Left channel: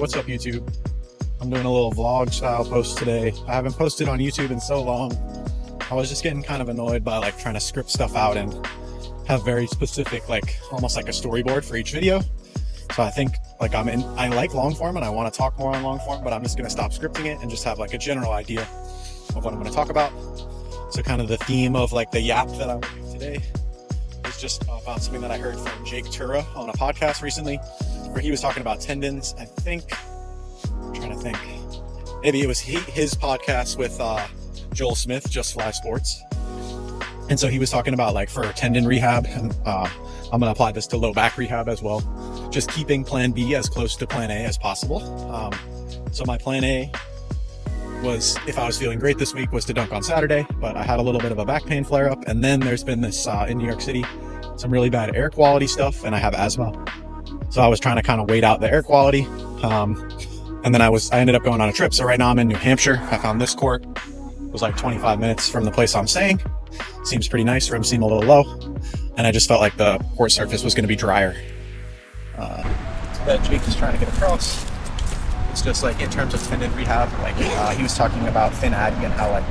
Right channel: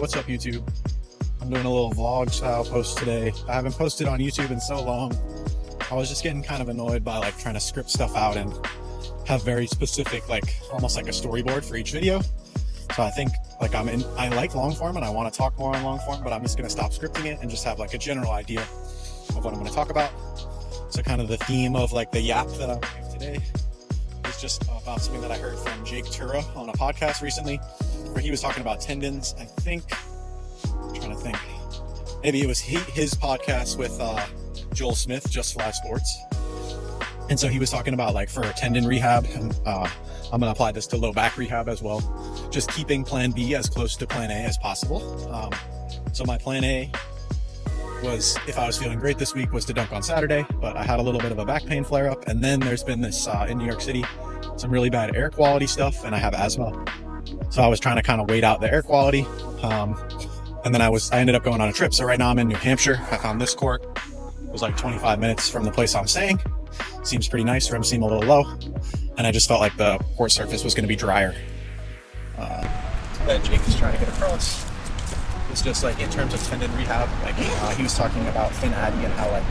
what's up YouTube? I'm doing a little vlog style post today. I haven't posted on YouTube in so long. I was just getting kind of annoyed by like trying to script stuff out and have very specific, like almost like a storyboard for each video. So I think like I like long form and I want to talk more on long form, but I'm just going to stop scripting it and just have like a general idea of what I'm going to talk about. So kind of the theme of like the yap that I'm doing today is just about something that I heard from Jake Tura on a podcast recently, where he was talking about tendons. I'm trying to think. Maybe it was his podcast with Joel Smith, Just Fly Sports. And so he was talking about like for tendon rehab, and I'm going to apply this to low back rehab as well. Just keeping plan B as close to plan A as possible. So my plan A was, if I was feeling great this week, was to dunk on Saturday, but I had a little bit of a back pain flare up. And then there's been this in New York City, some really bad air quality stuff, and I have asthma. So I was trying to kind of wait out the air quality. And then I ended up going on a trip. So right now I'm in New Hampshire. I found this court. It was like 25 minutes from the place I'm staying. Seems pretty nice. Rims seem a little low. And I just felt like the court surface was going to be drier. That Jake is trying to get across. It's just like in terms of tendon rehab, like he was talking about Finn Addy and how like,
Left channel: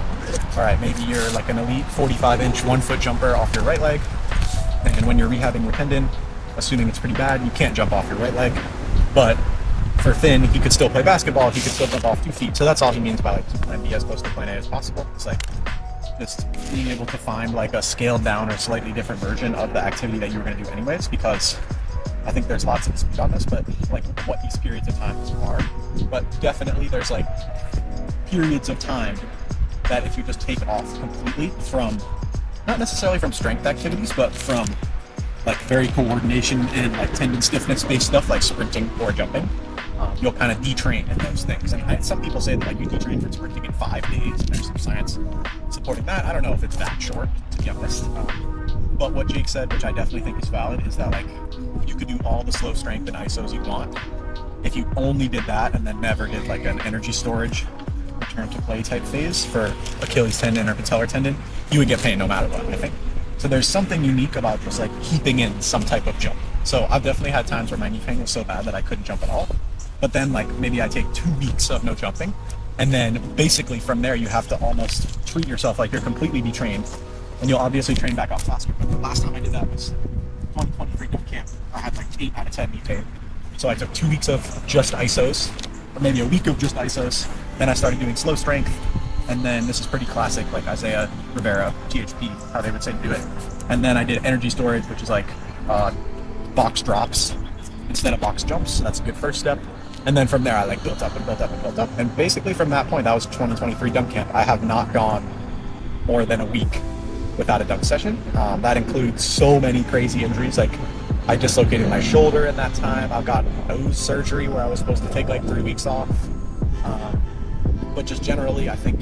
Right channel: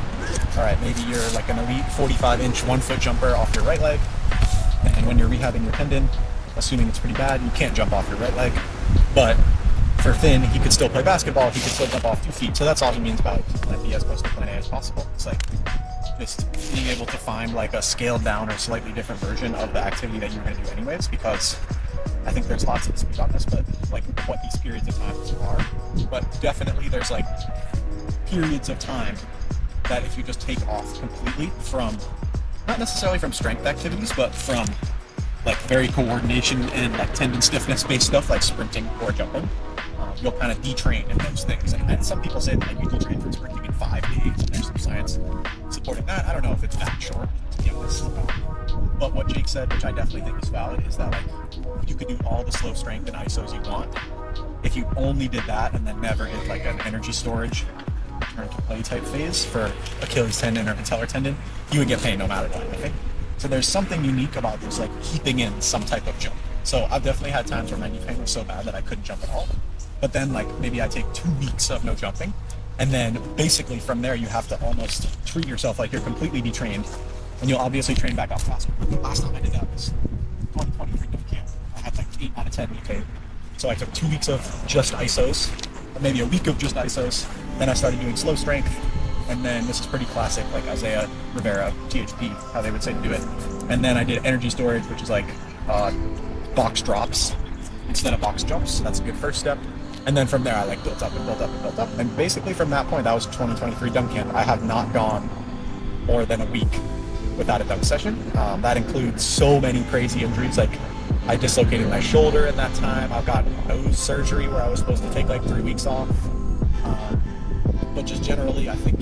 all right, maybe you're like an elite 45-inch 1-foot jumper off your right leg. And when you're rehabbing your tendon, assuming it's pretty bad, you can't jump off your right leg. But for Finn, he could still play basketball. He could still jump off 2 feet. So that's all he means by like keep plan B as close to plan A as possible. It's like just being able to find like a scaled down or slightly different version of the activity that you were going to do anyways, because I think there's lots of dispute on this, but like what these periods of time are. But definitely there's like periods of time that if you just take off completely from, not necessarily from strength activities, but from like very coordination and like tendon stiffness based stuff like sprinting or jumping, you'll kind of detrain in those things. And some people say that like you detrain from sprinting in 5 days, and there's some science supporting that. I don't know if it's that short, to be honest. But what Jake said, which I definitely think is valid, is that like you could do all the slow strength and ISOs you want. If you only did that and then never did like an energy storage return to play type phase for Achilles tendon or patellar tendon, you would get pain no matter what, I think. So there's something unique about just like keeping in some type of jump. So I've definitely had times where my knee pain was so bad that I couldn't jump at all. But then like maybe I take 2 weeks of no jumping. And then basically from there, you have to almost treat yourself like you're completely detrained. And you'll obviously train back off faster. But the last time I did that was 2023 dunk camp. I had like 8 out of 10 knee pain. So I took 2 weeks of just ISOs, or maybe a week of just ISOs. Then I started doing slow strength. And then this is pretty classic, like Isaiah Rivera, THP, how they would say to do it. And then I did energy storage, which is like box drops instead of box jumps. So that's a good first step. And then from there, I like built up and built up and built up. And basically from that point, that was 2023 dunk camp. I have not gone more than a week without a dunk session. That includes so many crazy injuries. Like I dislocated my shoulder in that time. I've got nose surgery where I was supposed to take like 3 weeks off. But just generally, I think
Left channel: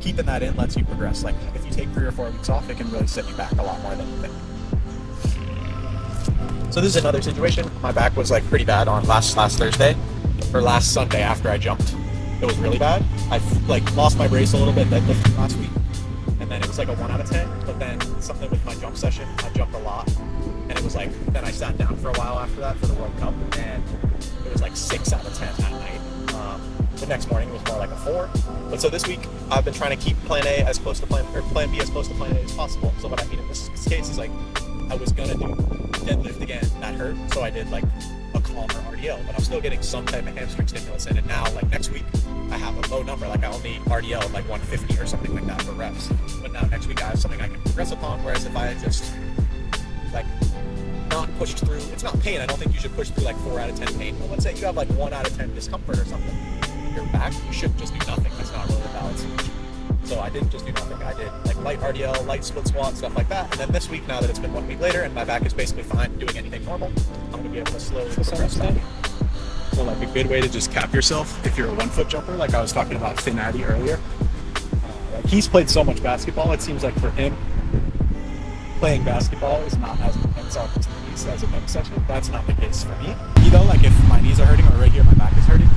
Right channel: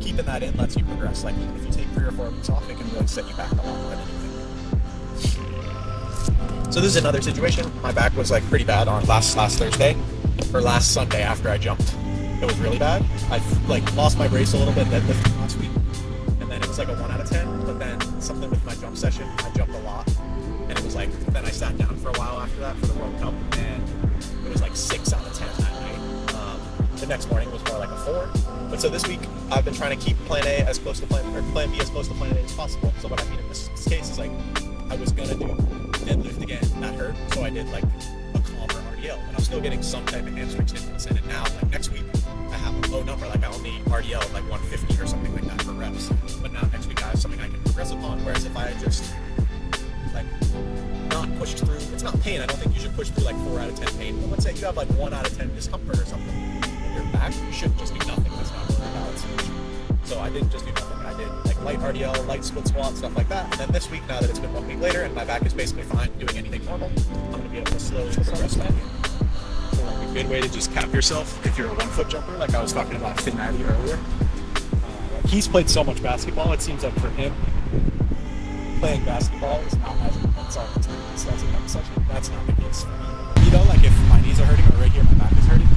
keeping that in lets you progress. Like if you take 3 or 4 weeks off, it can really set you back a lot more than you think. So this is another situation. My back was like pretty bad on last Thursday or last Sunday after I jumped. It was really bad. I like lost my brace a little bit deadlifting last week, and then it was like a 1 out of 10. But then something with my jump session, I jumped a lot, and it was like then I sat down for a while after that for the World Cup, and it was like 6 out of 10 that night. The next morning it was more like a 4. But so this week I've been trying to keep plan A as close to plan B as close to plan A as possible. So what I mean in this case is like I was gonna do deadlift again, that hurt, so I did like a calmer RDL, but I'm still getting some type of hamstring stimulus in it now. Like next week I have a low number, like I only RDL like 150 or something like that for reps, but now next week I have something I can progress upon. Whereas if I had just like not pushed through, it's not pain, I don't think you should push through like 4 out of 10 pain, but let's say you have like 1 out of 10 discomfort or something in your back, you shouldn't just do nothing. That's not really a valid solution. So I didn't just do nothing. I did like light RDL, light split squat, stuff like that. And then this week, now that it's been 1 week later and my back is basically fine doing anything normal, I'm going to be able to slowly progress back in. So like a good way to just cap yourself if you're a 1-foot jumper, like I was talking about Finn Addy earlier. Like he's played so much basketball, it seems like for him, playing basketball is not as intense on his knees as a dunk session. That's not the case for me. Me though, like if my knees are hurting or right here my back is hurting,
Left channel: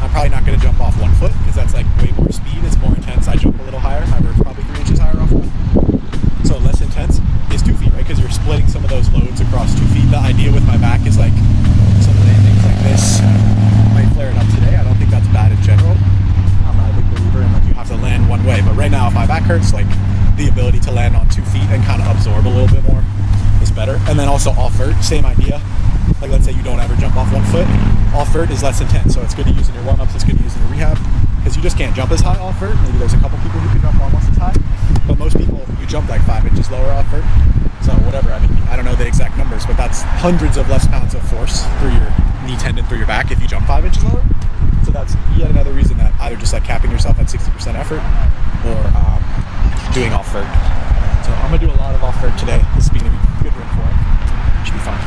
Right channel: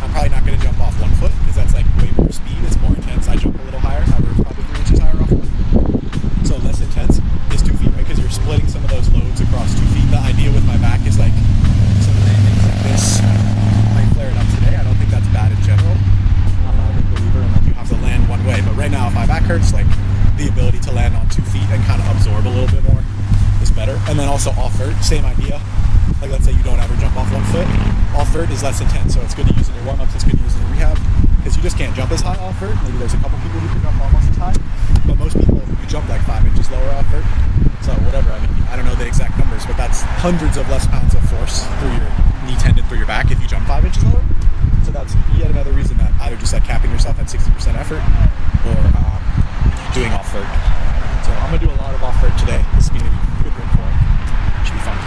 I'm probably not going to jump off 1 foot because that's like way more speed. It's more intense. I jump a little higher. My vert's probably 3 inches higher off 1. So less intense is 2 feet, right? Because you're splitting some of those loads across 2 feet. The idea with my back is like some landings like this might flare it up land one way. But right now, if my back hurts, like the ability to land on 2 feet and kind of absorb a little bit more is better. And then also off vert, same idea. Like let's say you don't ever jump off 1 foot, off vert is less intense. So it's good to use in your warm-ups, it's good to use in your rehab, because you just can't jump as high off vert. Maybe there's a couple people who can jump almost as high, but most people, you jump like 5 inches lower off vert. So whatever, I mean, I don't know the exact numbers, but that's hundreds of less pounds of force through your knee tendon, through your back if you jump 5 inches lower. So that's yet another reason that either just like capping yourself at 60% effort or doing off vert. So I'm gonna do a lot of off vert today. This will be a good room for it. Should be fun.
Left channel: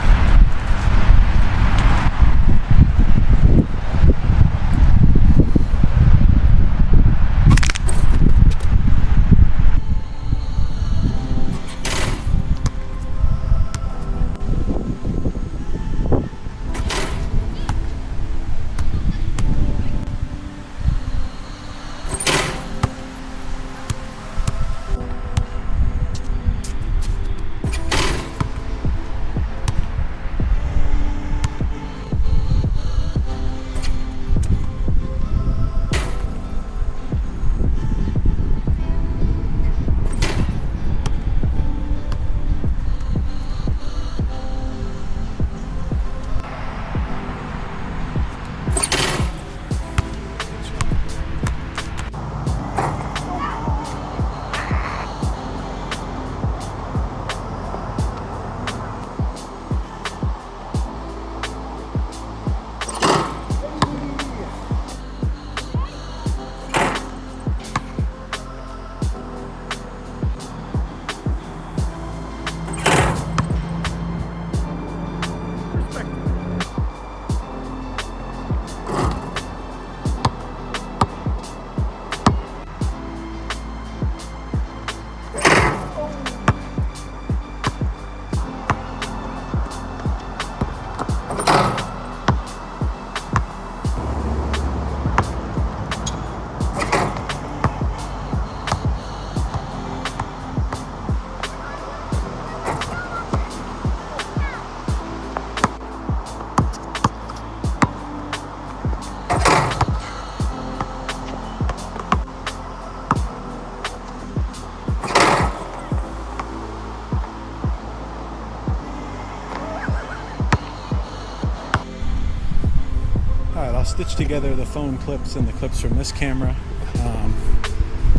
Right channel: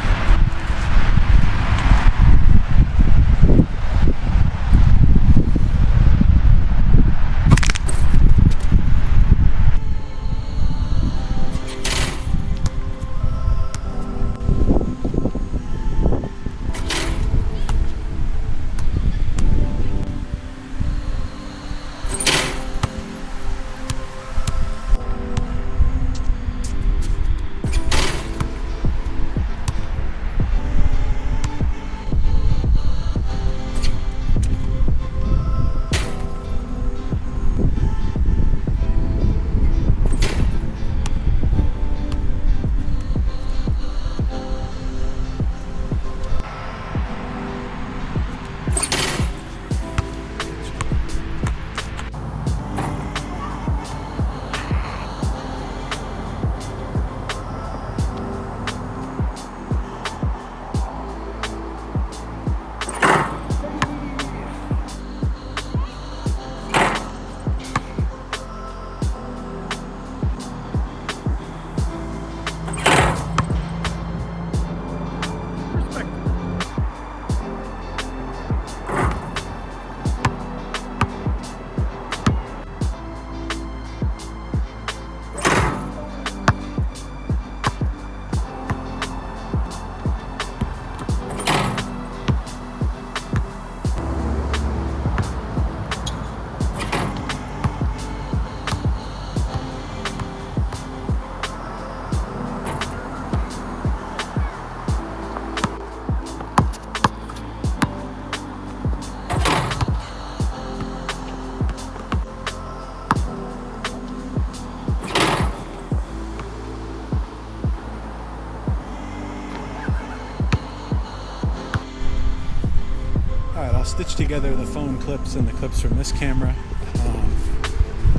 Alright, I'll stitch together the phone clips and the clips from this camera.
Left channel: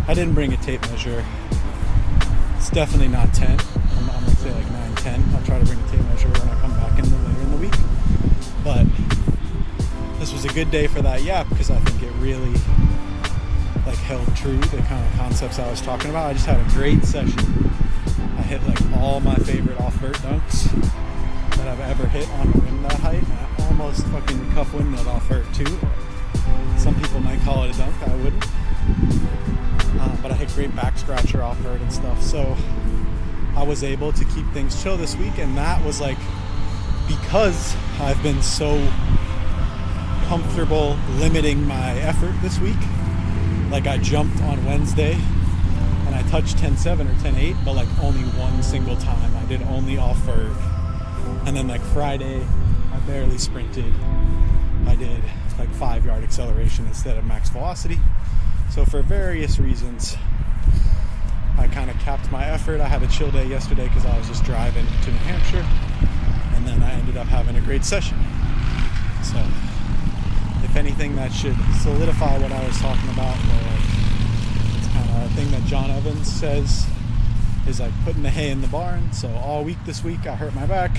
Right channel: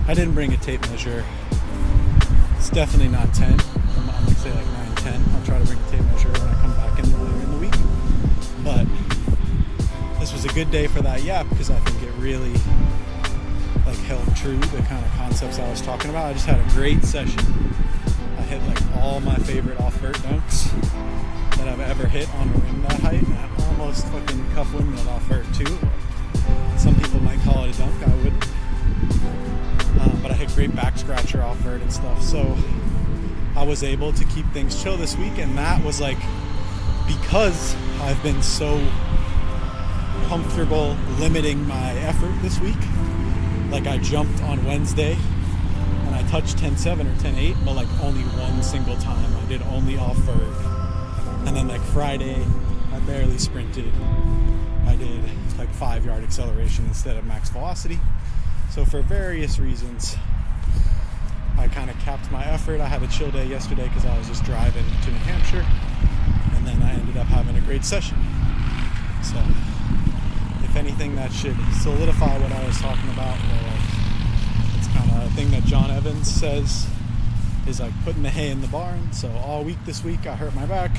I didn't bring a tape measure. It's definitely not 10. I'm gonna say like 9, 10. I'll try to bring a tape measure when I come back later in the week. But this was a good day for that yap because I think it really like held true the kind of concepts I was talking about. I just had a great session. I hit like all my favorite off-vert dunks that I've ever hit on a rim that height, and I almost fucking cuff windmilled off vert too. Some people might call it a dunk, I wouldn't. But I hit great back scratcher off vert and stuff, so I was able to keep things chill this week, and that was like because I've been so comfortable limiting my effort this week. Like I jumped on Wednesday and I touched 10.7 or 10.8, but like only one single time. I did only off vert. And then like Friday, I barely sprinted. I did like 5-yard acceleration instead of max velocity. So for various reasons, I kind of capped my effort. I had a chill day yesterday because I was just driving to New Hampshire. And then I ended up having a great session. So if anything, that should solidify what I was talking about, where like it's kind of a thing that John Evans says is like putting the hay in the barn. So all week this week I hurt my back,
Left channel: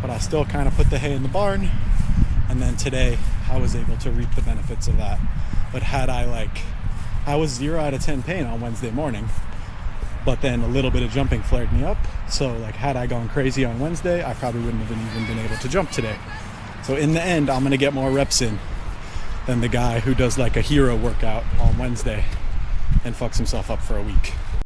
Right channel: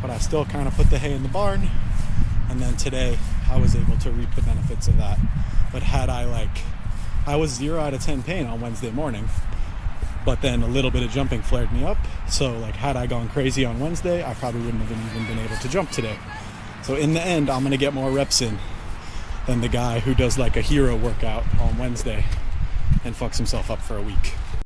but I still kind of put the hay in the barn. And then today I was able to reap the benefits of that. But had I was 0 out of 10 pain on Wednesday morning, but then a little bit of jumping flared me up. So like had I gone crazy on Wednesday, I probably wouldn't have even been able to jump today. So in the end, I'm gonna get more reps in than the guy who does like a hero workout on Wednesday and fucks himself up for a week.